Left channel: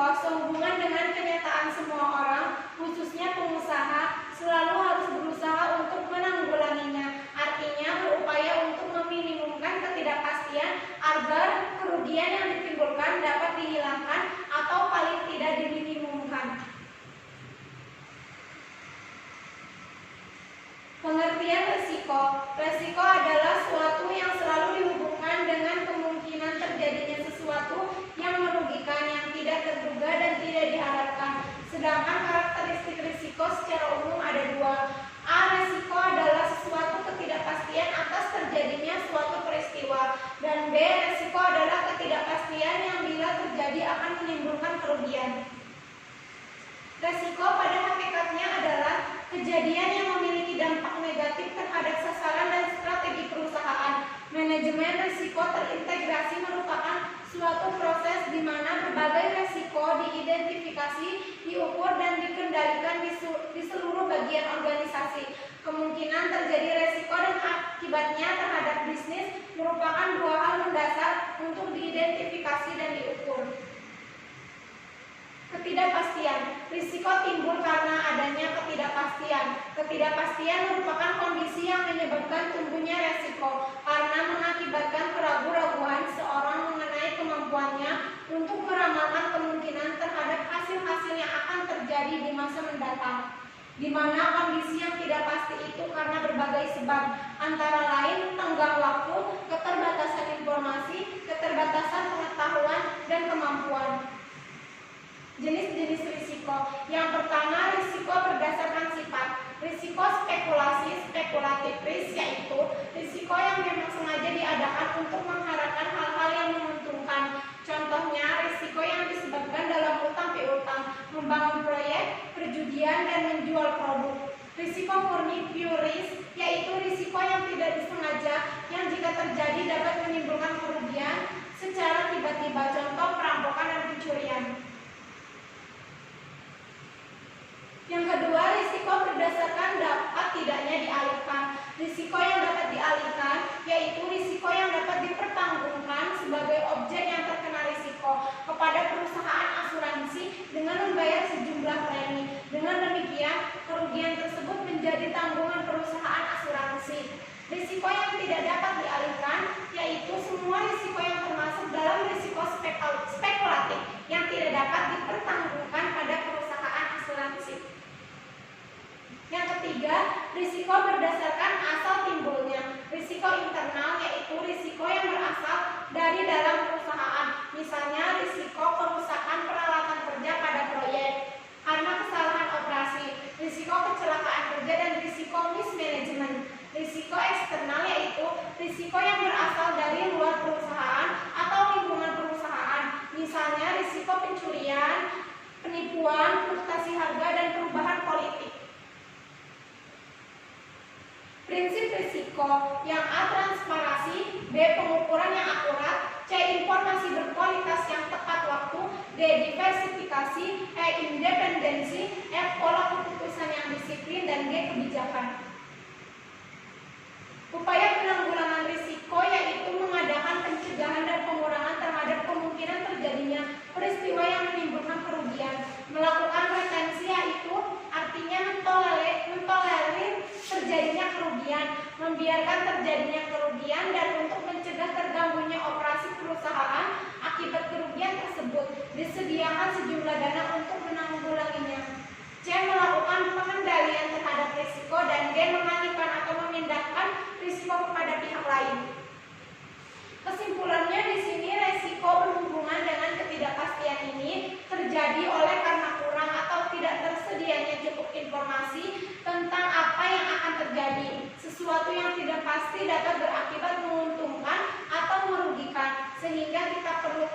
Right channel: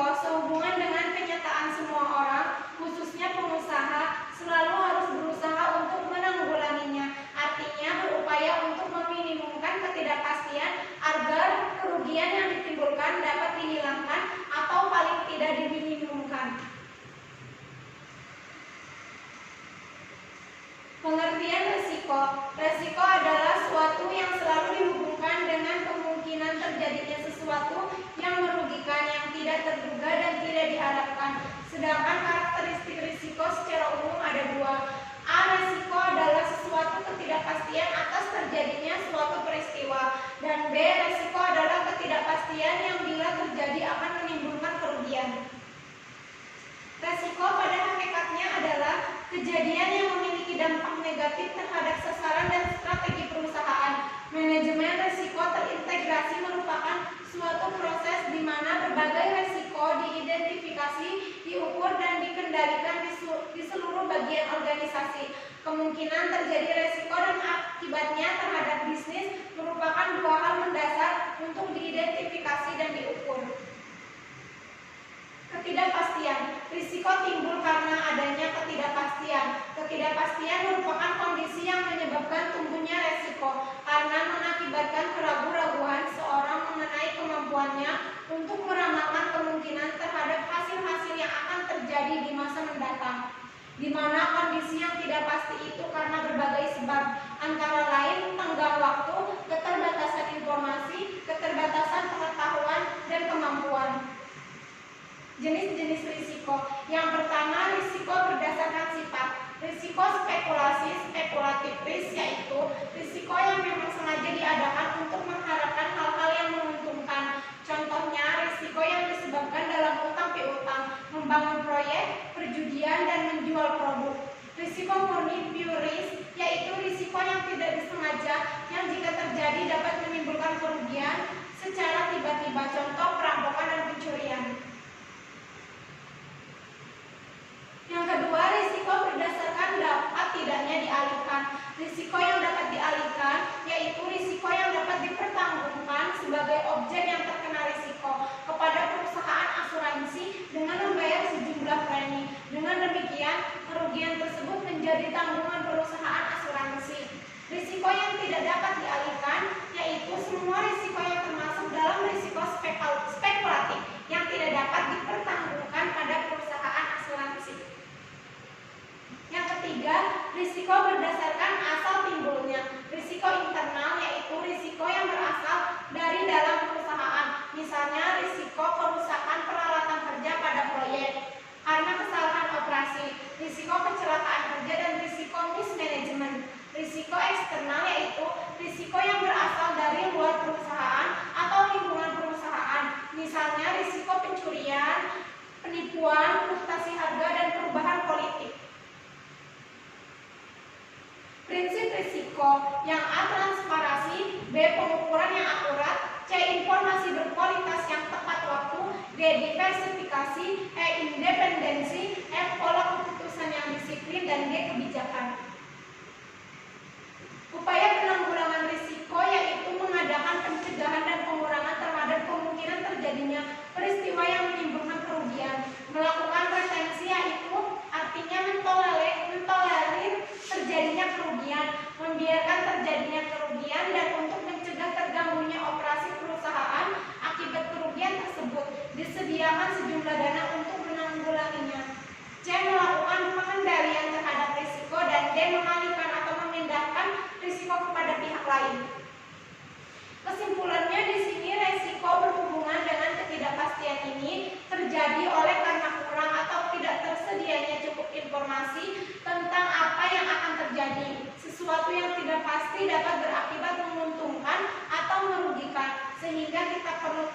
resiko sehubungan dengan kenyataan semua orang, khususnya pengusaha, selalu harus berusaha untuk menanggulanginya. Artinya berupaya untuk meminimumkan ketidakpastian agar kerugian yang ditimbulkan dapat dihilangkan atau paling tidak diminimumkan. Pengertian resiko. Resiko adalah suatu yang selalu dihubungkan dengan kemungkinan terjadinya sesuatu yang merugikan, yang tidak terduga dan tidak diharapkan. Sedangkan karakteristik risiko secara umum ada dua. A. Risiko adalah sesuatu ketidakpastian atas terjadinya suatu peristiwa. Dan B. Risiko adalah ketidakpastian yang bila terjadi akan menimbulkan kerugian. Risiko pada hakikatnya adalah kejadian yang memiliki dampak negatif terhadap sasaran dan strategi perusahaan. Manajemen risiko terintegrasi merupakan suatu proses di mana berbagai risiko diidentifikasi, diukur dan dikendalikan di seluruh bagian organisasi. Kemungkinan terjadi risiko dan akibatnya terhadap bisnis merupakan dua hal mendasar untuk diidentifikasi dan diukur. Ketidakpastian. Risiko timbul karena adanya ketidakpastian. Ketidakpastian merupakan kondisi yang menyebabkan tumbuhnya risiko karena mengakibatkan keraguan-raguan seorang mengenai kemampuannya untuk meramalkan kemungkinan terhadap hasil-hasil yang akan terjadi di masa mendatang, di mana kondisi yang tidak pasti itu karena berbagai sebab, antara lain tenggang waktu, keterbatasan informasi, keterbatasan pengetahuan, dan kemampuan. Jenis-jenis risiko. Yang pertama, risiko berdasarkan sifat. Risiko spekulasi, spekulatif risk, yaitu risiko yang memang sengaja diadakan untuk mengharapkan hal-hal yang menguntungkan. Contohnya, risiko yang disebabkan dalam utang piutang, membangun proyek, perjudian, dan menjual produk. Risiko murni pure risk, yaitu risiko yang tidak disengaja, yang jika terjadi dapat menimbulkan kerugian secara tiba-tiba, contoh perampokan dan pencurian. Yang kedua, risiko berdasarkan dapat tidaknya dialihkan. Risiko yang dapat dialihkan yaitu risiko yang dapat dipertanggungan sebagai objek yang terkena risiko kepada perusahaan asuransi dengan membayar sejumlah premi. Dengan demikian, kerugian tersebut menjadi tanggungan perusahaan asuransi. Risiko yang tidak dapat dialihkan yaitu semua risiko yang termasuk dalam risiko spekulatif yang tidak dapat dipertanggungan pada perusahaan asuransi. Yang ketiga, risiko berdasarkan asal timbulnya. Risiko internal yaitu risiko yang berasal dari dalam perusahaan. Misalnya risiko kerusakan peralatan kerja pada proyek karena kesalahan operasi, risiko kecelakaan kerja, dan risiko mismanagement. Risiko eksternal yaitu risiko yang berasal dari luar perusahaan atau lingkungan perusahaan. Misalnya risiko pencurian, penipuan, fluktuasi harga, dan perubahan politik. Prinsip risiko. Yang A. Transparansi, B. Pengukuran yang akurat, C. Informasi berkualitas yang tepat waktu, D. Diversifikasi, E. Independensi, F. Pola keputusan yang disiplin, dan G. Kebijakan. Upaya penanggulangan risiko yaitu mengadakan pencegahan dan pengurangan terhadap kemungkinan terjadinya peristiwa yang menimbulkan kerugian. Melakukan retensi yaitu artinya mentolerir terjadinya kerugian, membiarkan terjadinya kerugian, dan untuk mencegah terganggunya operasi perusahaan akibat kerugian tersebut, disediakan sejumlah dana untuk menanggulanginya. C. Melakukan pengendalian terhadap risiko, dan D. mengalihkan atau memindahkan risiko kepada pihak lain. Kesimpulannya di sini risiko berhubungan dengan ketidakpastian ini terjadi oleh karena kurang atau tidak tersedianya cukup informasi tentang apa yang akan terjadi. Sesuatu yang tidak pasti dapat berakibat menguntungkan atau merugikan, sehingga kita perlu